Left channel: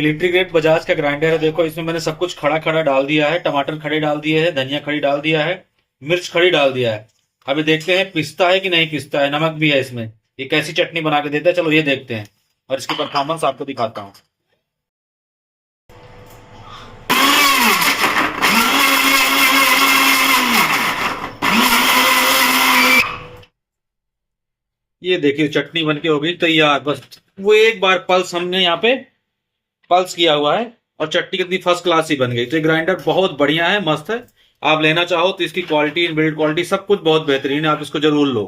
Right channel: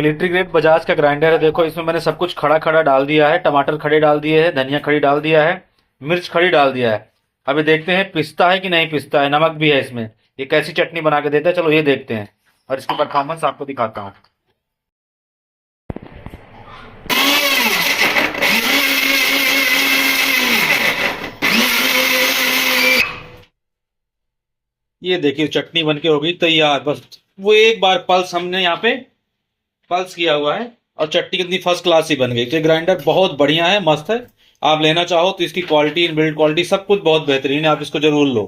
Military grade Bajaj का grinder है। देखो इसमें मैंने सब कुछ खड़ा खड़ा डाल दिया है। टमाटर खड़े डाल दिए हैं, धनिया खड़ी डाल दिया है, मिर्च खड़ी डाल दिया है। अभी देखते हैं पिसता है कि नहीं पिसता है। नमक भी है इसमें। ये कैसी चटनी बना के देता है, चलो ये देखते हैं और इसकी परफॉर्मेंस आपको दिखाता हूँ। ये देखिए चटनी बनके हो गई तैयार। बस वो एक बार पल्स हमने यहाँ पे पल्स किया हुआ है और चटनी कितनी फर्स्ट क्लास ही बन गई। तो ये ग्राइंडर बहुत बढ़िया है, मस्त है। आप लेना चाहो तो इसकी क्वालिटी, बिल्ड क्वालिटी सब कुछ बहुत बेहतरीन है। आप इसको जरूर लो।